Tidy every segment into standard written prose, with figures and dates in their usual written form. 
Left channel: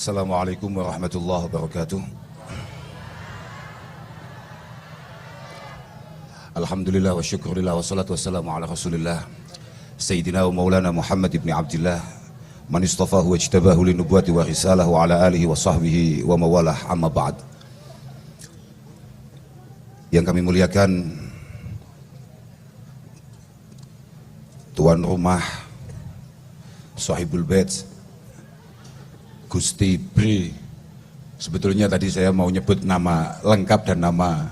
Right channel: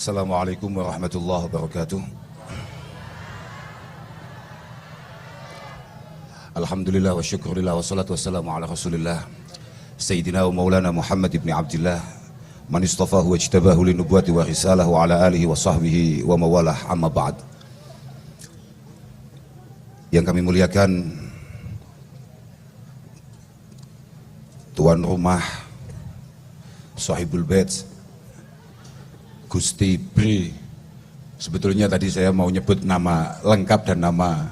Assalamualaikum warahmatullahi wabarakatuh. Alhamdulillah wa syukurillah wa salatu wassalamu ala rasulillah Sayyidina wa maulana Muhammad ibn Abdillah man istafahu wa ijtabahu linubuwati wa risalahu ala alihi wa sahbihi wa mawalah, amma ba'd. Yang kami muliakan tuan rumah, sahibul bait, Gusti Bri. Sebetulnya tadi saya mau nyebut nama lengkap dan nama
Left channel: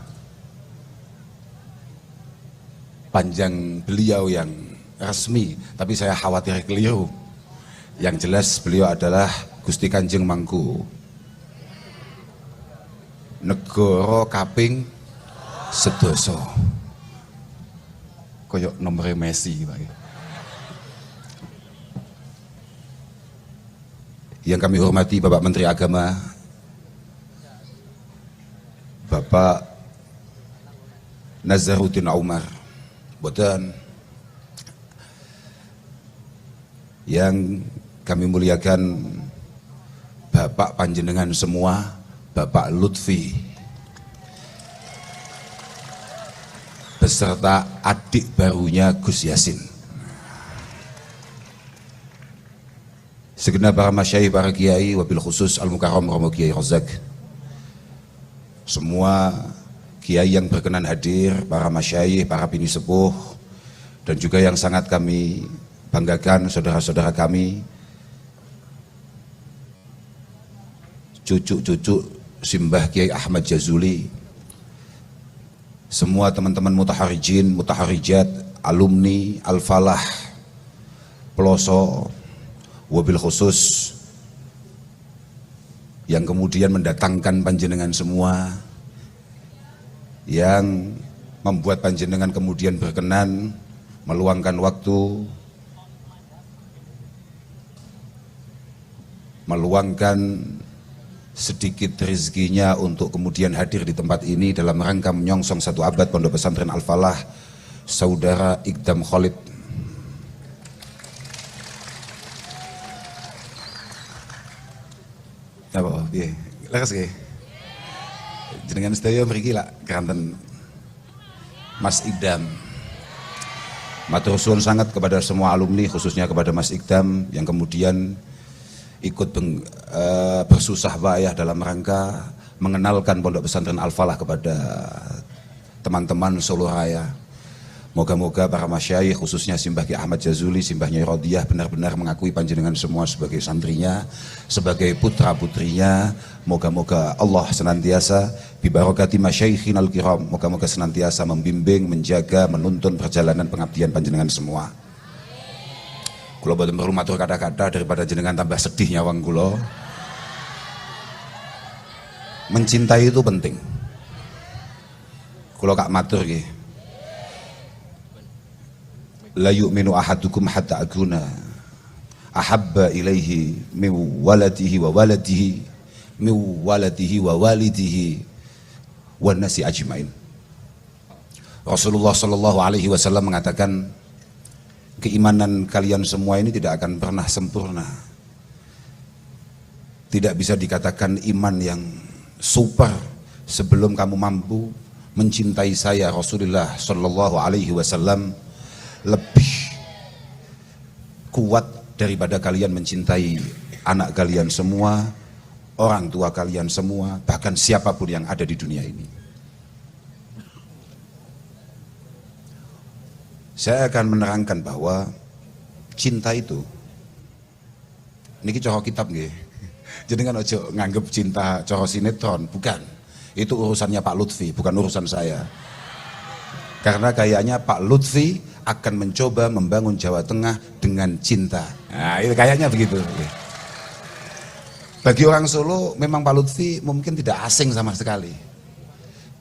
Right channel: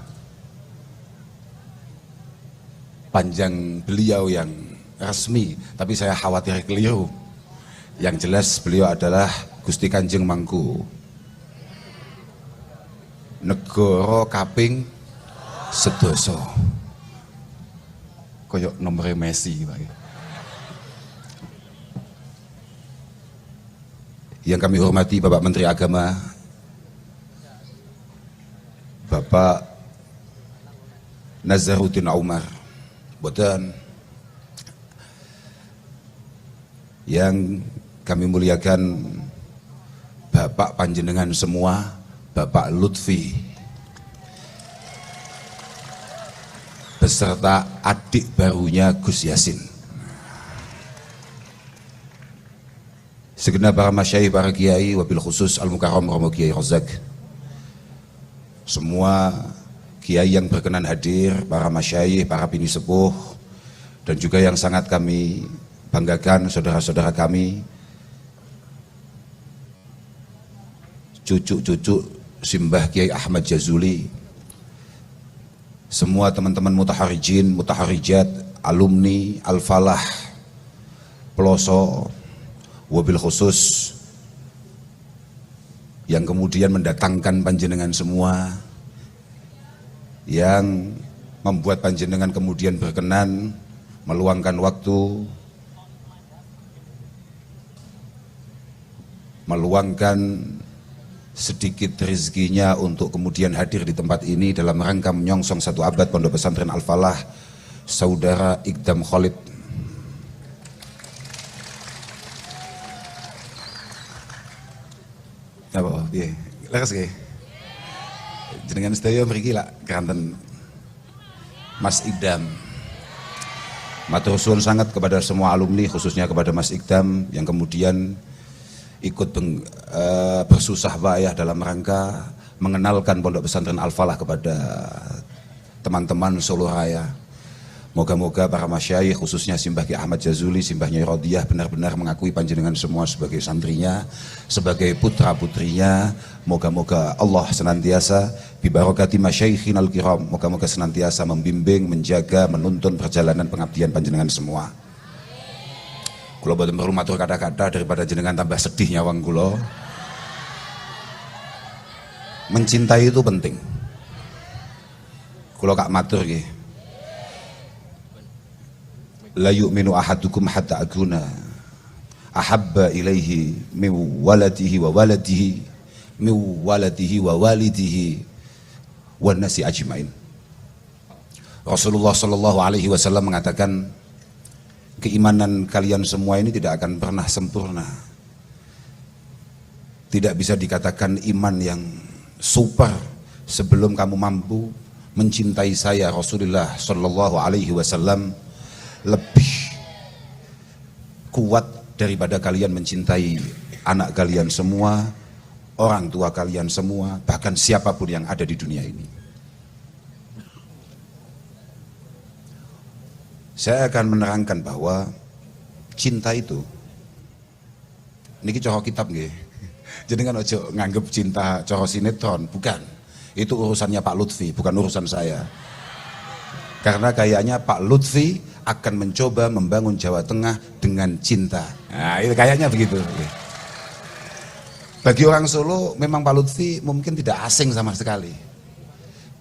panjang beliau yang resmi, tapi saya khawatir keliru. Yang jelas beliau adalah Gusti Kanjeng Mangku Negoro Kaping Sedoso. Koyok nomor Messi lah itu. Yang kami hormati Bapak Menteri Agama, Bapak Nazaruddin Umar Bodan. Yang kami muliakan Bapak Panjenengan semua, Bapak Lutfi, beserta adik barunya Gus Yasin. Segenap para masyayikh, para kiai, wabil khusus Al-Mukarram Romo Kiai Rozak, semua kiai yang berkenan hadir, para masyayikh, para bini sepuh, dan juga yang sangat kami banggakan saudara-saudara kami, cucu-cucu Simbah Kiai Ahmad Jazuli, semua teman-teman mutaharijin, mutaharijat, alumni Al-Falah, pelosok, wabil khusus yang kemudian mendatangkan panjenengan semua, yang membuat panjenengan kemudian berkenan meluangkan waktu, meluangkan sedikit rezekinya untuk kemudian hadir di tempat ini dalam rangka menyongsong 1 abad Pondok Pesantren Al-Falah, Saudara Iqdam Khalid. Apa? Iya, lekas ke. Jenengan sedaya mriki lak keranten Mas Iqdam. Matur suwun sangat kepada semua alumni, khususnya kepada Mas Iqdam yang kemudian ikut bersusah payah dalam rangka mengenalkan Pondok Pesantren Al-Falah kepada teman-teman Solo Raya. Moga-moga para masyayikh, khususnya Simbah Kiai Ahmad Jazuli, Simbah Nyai Rodiyah, benar-benar mengakui panjenengan semua sebagai santrinya, sebagai putra-putrinya. Moga-moga Allah senantiasa bibarokati masyayikhinal kiram, moga-moga senantiasa membimbing, menjaga, menuntun perjalanan pengabdian panjenengan semua. Kula boten perlu matur kada-kada daripada jenengan tambah sedih nyawang kula. Mencintai itu penting. Kula kak matur nggih. La yu'minu ahadukum hatta akuna ahabba ilaihi min waladihi wa waladihi min waladihi wa walidihi wan nasi ajmain. Rasulullah sallallahu alaihi wasallam mengatakan, keimanan kalian semua ini tidak akan pernah sempurna. Tidak bisa dikatakan iman yang super sebelum kamu mampu mencintai saya Rasulullah sallallahu alaihi wasallam lebih kuat daripada kalian mencintai anak kalian semua, orang tua kalian semua, bahkan siapapun yang ada di dunia ini. Saya akan menerangkan bahwa cinta itu, ini cara kitab nggih. Jadi kan ojo nganggep cinta cara sinetron, bukan. Itu urusannya Pak Lutfi, bukan urusan saya. Karena kayaknya Pak Lutfi akan mencoba membangun Jawa Tengah dengan cinta. Nah, itu kayaknya begitu. Bagi orang Solo, memang Pak Lutfi mungkin tidak asing sama sekali.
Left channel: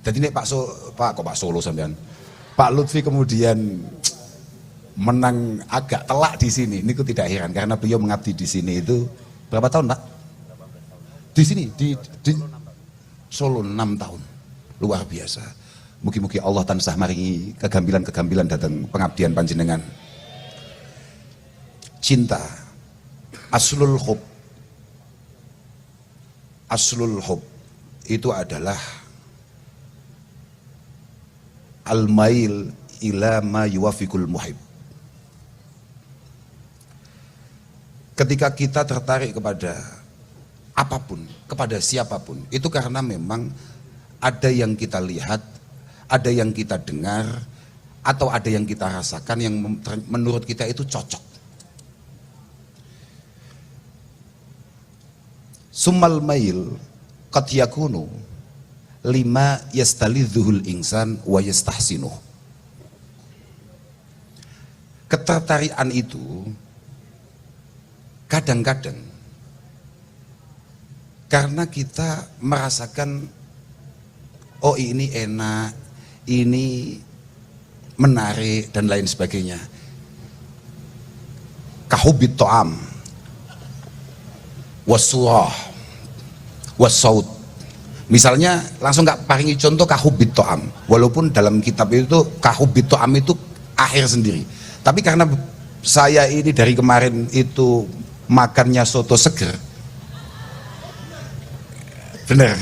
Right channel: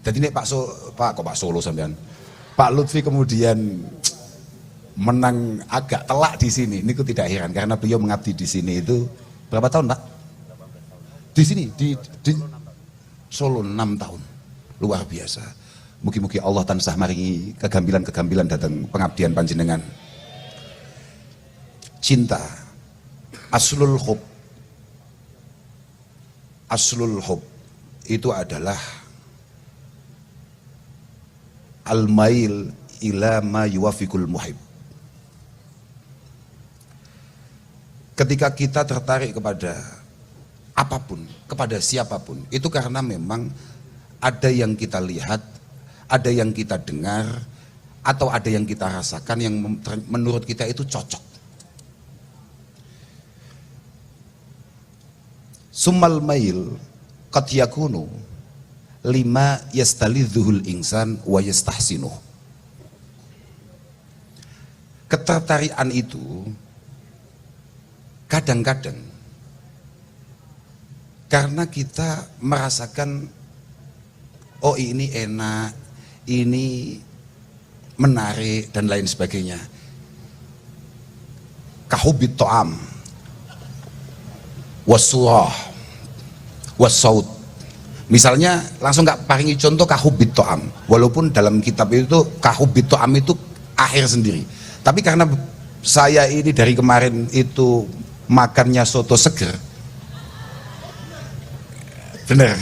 Jadi ini Pak Solo sampean. Pak Lutfi kemudian menang agak telak di sini. Ini tidak heran karena beliau mengabdi di sini itu berapa tahun, Pak? Di sini di Solo 6 tahun. Luar biasa. Mugi-mugi Allah tansah maringi kegambilan-kegambilan datang pengabdian panjenengan. Cinta aslul hub aslul hub itu adalah al-mail ila ma yuwafiqul muhib. Ketika kita tertarik kepada apapun, kepada siapapun, itu karena memang ada yang kita lihat, ada yang kita dengar, atau ada yang kita rasakan yang menurut kita itu cocok. Summal mail qad yakunu lima yastalidhuhul insan wa yastahsinu. Ketertarikan itu kadang-kadang karena kita merasakan oh ini enak, ini menarik dan lain sebagainya. Kahubit to'am wasurah wasaut. Misalnya langsung nggak paringi contoh kahubit to'am, walaupun dalam kitab itu kahubit to'am itu akhir sendiri. Tapi karena saya ini dari kemarin itu makannya soto seger, bener.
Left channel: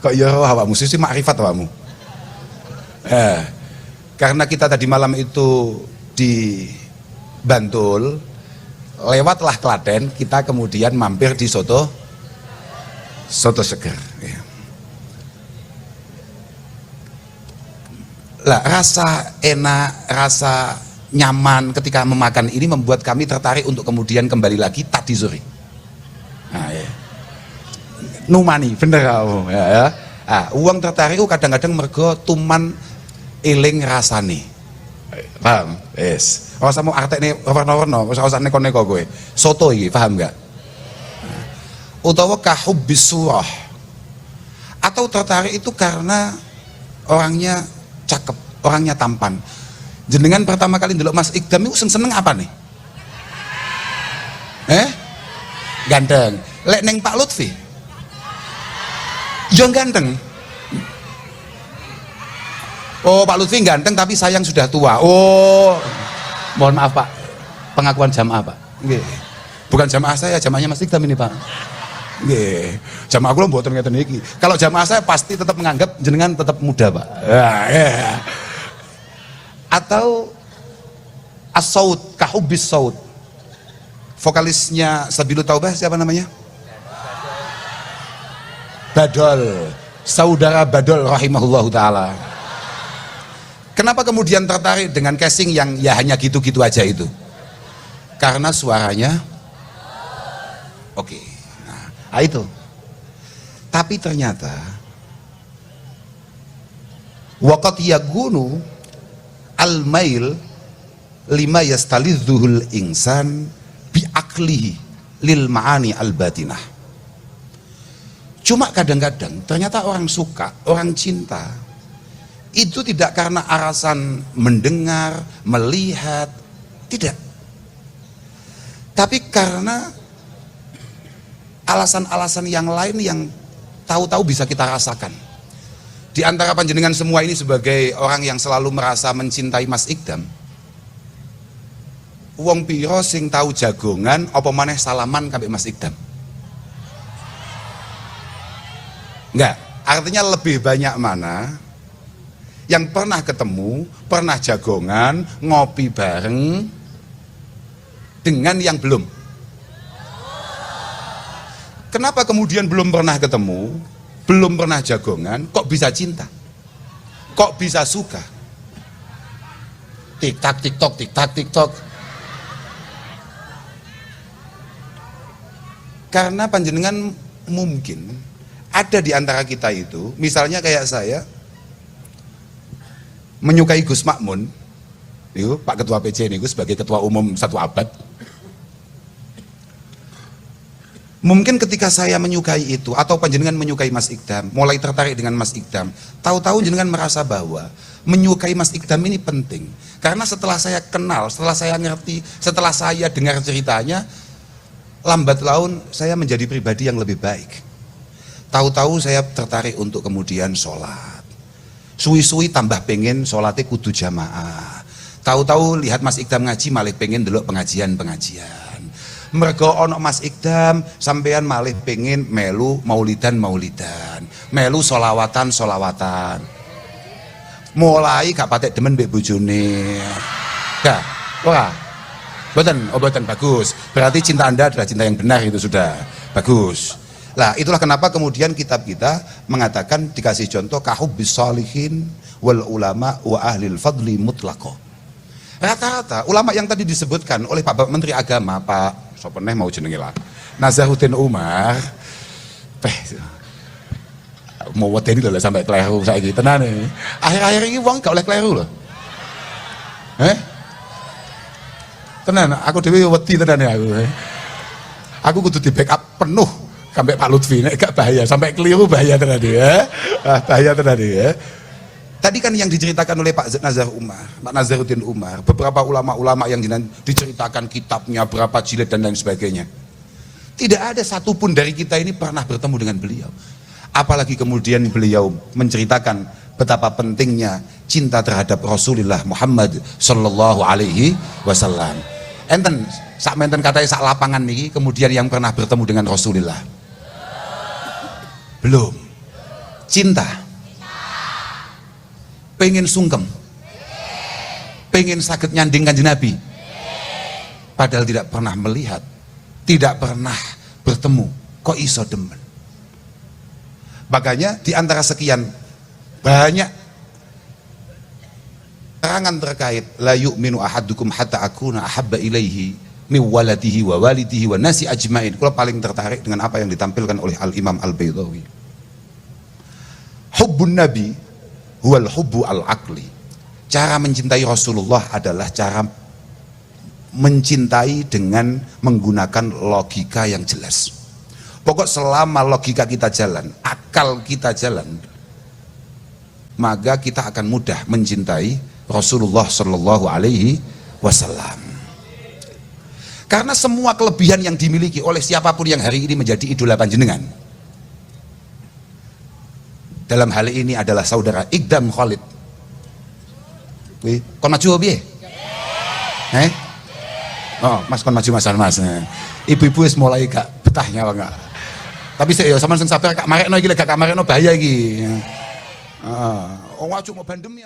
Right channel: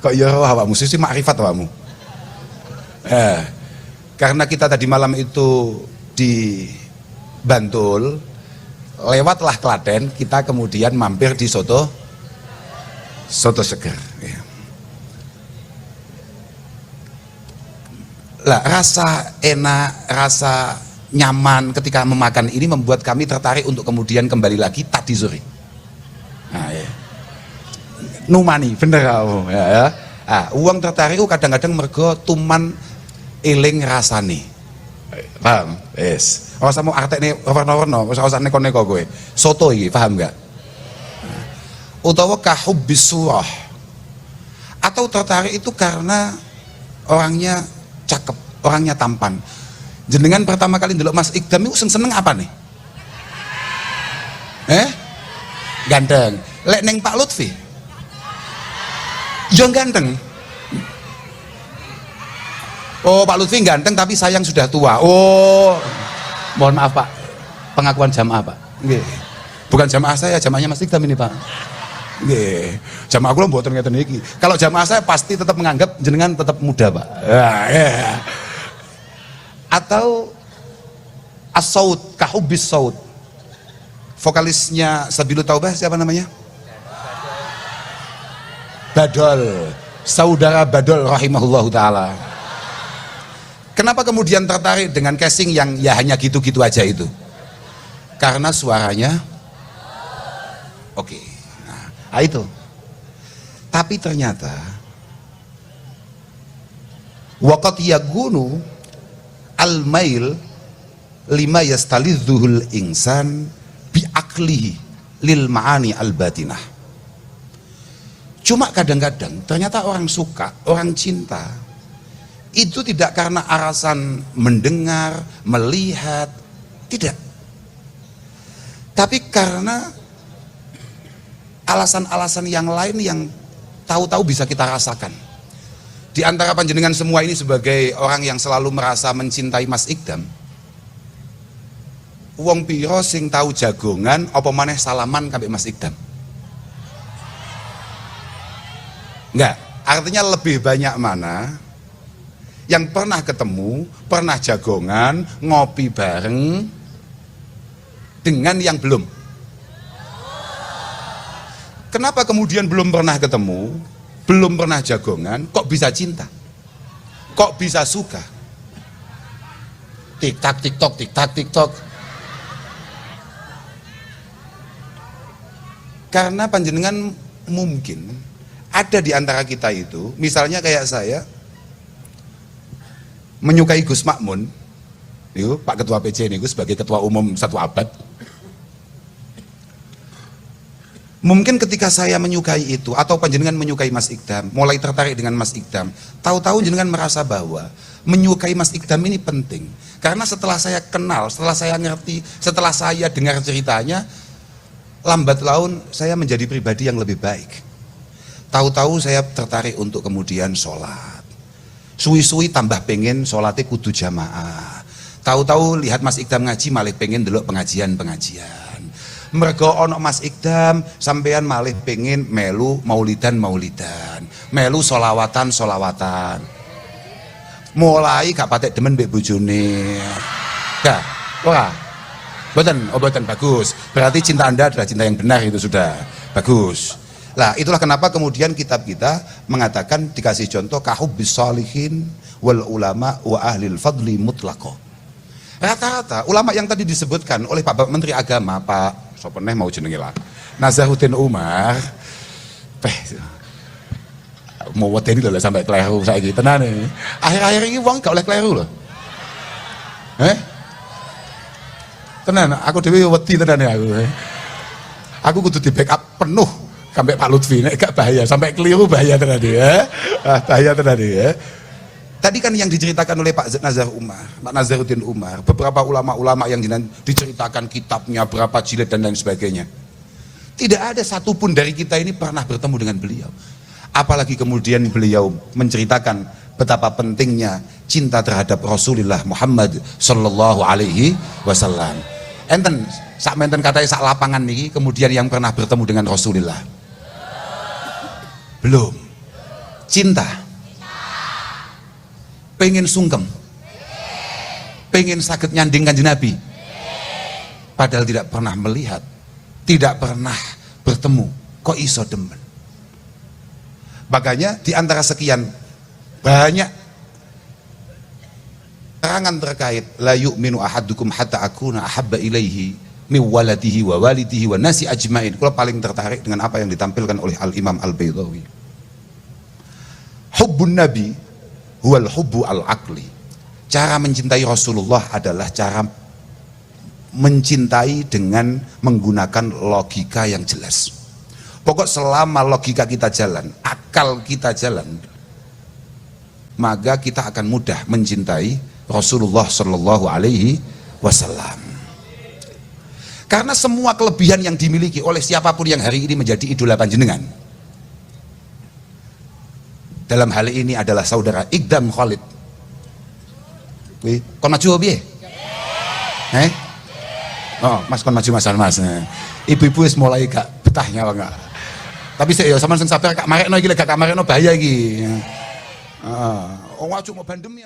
Kok ya awakmu sih makrifat awakmu. Karena kita tadi malam itu di Bantul, lewatlah Klaten, kita kemudian mampir di soto seger. Ya. Lah rasa enak, rasa nyaman ketika memakan ini membuat kami tertarik untuk kemudian kembali lagi tadi sore. Nah, ya. Numani, bener kamu. Ya. Uang tertarik kadang-kadang mergo tuman eling rasane. Paham? Yes. Rasa mau arti ini warna-warna, usah neko-neko gue. Soto iki, paham gak? Utawa kahubbis surah. Atau tertarik itu karena orangnya cakep, orangnya tampan. Jenengan pertama kali ndelok Mas Ikdam itu seneng apa nih? Ganteng. Lek neng Pak Lutfi. Jangan ganteng. Oh, Pak Lutfi ganteng tapi sayang sudah tua. Oh, mohon maaf Pak, pengakuan jamaah Pak. Bukan jamaah saya, jamaahnya Mas Ikdam ini Pak. Jamaah aku buat ternyata ini. Kalau jamaah saya pasti tetap menganggap jenengan tetap muda Pak. Atau as-saut, kahubis saut. Vokalisnya Sabilu Taubah siapa namanya? Badol, saudara Badol rahimahullahu ta'ala. Kenapa kemudian tertarik dengan casing yang ya hanya gitu-gitu aja itu? Karena suaranya oke. Nah, itu. Tapi ternyata waqat yagunu al-mail lima yastalidzuhul insan bi aklihi lil ma'ani al-batinah. Cuma kadang-kadang ternyata orang suka, orang cinta itu tidak karena alasan mendengar, melihat, tidak. Tapi karena alasan-alasan yang lain yang tahu-tahu bisa kita rasakan. Di antara panjenengan semua ini sebagai orang yang selalu merasa mencintai Mas Ikdam, wong piro sing tahu jagongan apa maneh salaman kabeh Mas Ikdam? Enggak, artinya lebih banyak mana yang pernah ketemu, pernah jagongan, ngopi bareng dengan yang belum. Kenapa kemudian belum pernah ketemu, belum pernah jagongan, kok bisa cinta? Kok bisa suka? Tik-tak, tik-tok, tik-tak, tik-tok. Karena panjenengan mungkin ada di antara kita itu, misalnya kayak saya, menyukai Gus Makmun, Pak Ketua PC ini, Gus sebagai Ketua Umum satu abad. Mungkin ketika saya menyukai itu, atau panjenengan menyukai Mas Ikdam, mulai tertarik dengan Mas Ikdam, tahu-tahu jenengan merasa bahwa menyukai Mas Ikdam ini penting. Karena setelah saya kenal, setelah saya ngerti, setelah saya dengar ceritanya, lambat laun saya menjadi pribadi yang lebih baik. Tahu-tahu saya tertarik untuk kemudian sholat. Suwi-suwi tambah pengen sholatnya kudu jamaah. Tahu-tahu lihat Mas Ikdam ngaji malah pengen delok pengajian-pengajian. Mereka ono Mas Ikdam, sampean malih pengen melu maulidan, melu solawatan. Mulai gak patek demen mbek bojone. Nah, wah. Boten bagus. Berarti cinta Anda adalah cinta yang benar, itu sudah bagus. Lah, itulah kenapa kemudian kitab kita mengatakan, dikasih contoh kahubbis sholihin wal ulama wa ahlil fadli mutlaqo. Rata-rata ulama yang tadi disebutkan oleh Pak Menteri Agama, Pak sopeneh mau jenenge lah, Nazaruddin Umar, mau weden kalau sampai keliru saiki tenan iki. Akhir-akhir ini wong gak oleh keliru lho. Tenan, aku dhewe wedi tenan aku. Aku kudu di backup penuh sampai Pak Lutfi, nek gak bahaya, sampai keliru bahaya tenan ya. Bahaya tenan ya. Tadi kan yang diceritakan oleh Pak Nazaruddin Umar, beberapa ulama-ulama yang diceritakan kitabnya, berapa jilid dan lain sebagainya. Tidak ada satupun dari kita ini pernah bertemu dengan beliau. Apalagi kemudian beliau menceritakan betapa pentingnya cinta terhadap Rasulullah Muhammad sallallahu alaihi wasallam. Enten sak menten katanya sak lapangan niki kemudian yang pernah bertemu dengan Rasulullah. Belum. Cinta. Pengen sungkem. Pengen sakit nyanding Kanjeng Nabi. Padahal tidak pernah melihat, tidak pernah bertemu. Kok iso demen? Makanya di antara sekian banyak terangan terkait la yu'minu ahadukum hatta akuna ahabba ilaihi min waladihi wa walidihi wa nasi ajmain. Kalau paling tertarik dengan apa yang ditampilkan oleh Al-Imam Al-Baydawi. Hubbun Nabi huwal hubbu al-aqli. Cara mencintai Rasulullah adalah cara mencintai dengan menggunakan logika yang jelas. Pokok selama logika kita jalan, akal kita jalan, maka kita akan mudah mencintai Rasulullah Sallallahu Alaihi Wasallam. Karena semua kelebihan yang dimiliki oleh siapapun yang hari ini menjadi idola panjenengan, dalam hal ini adalah saudara Ikdam Khalid. Kon maju piye? Oh, Mas kon maju Mas. Ibu-ibu wis mulai gak betah ya enggak. Tapi sik yo sampean sing sabar gak marekno iki, gak marekno bahaya iki. Heeh. Wong maju mau bandem ya.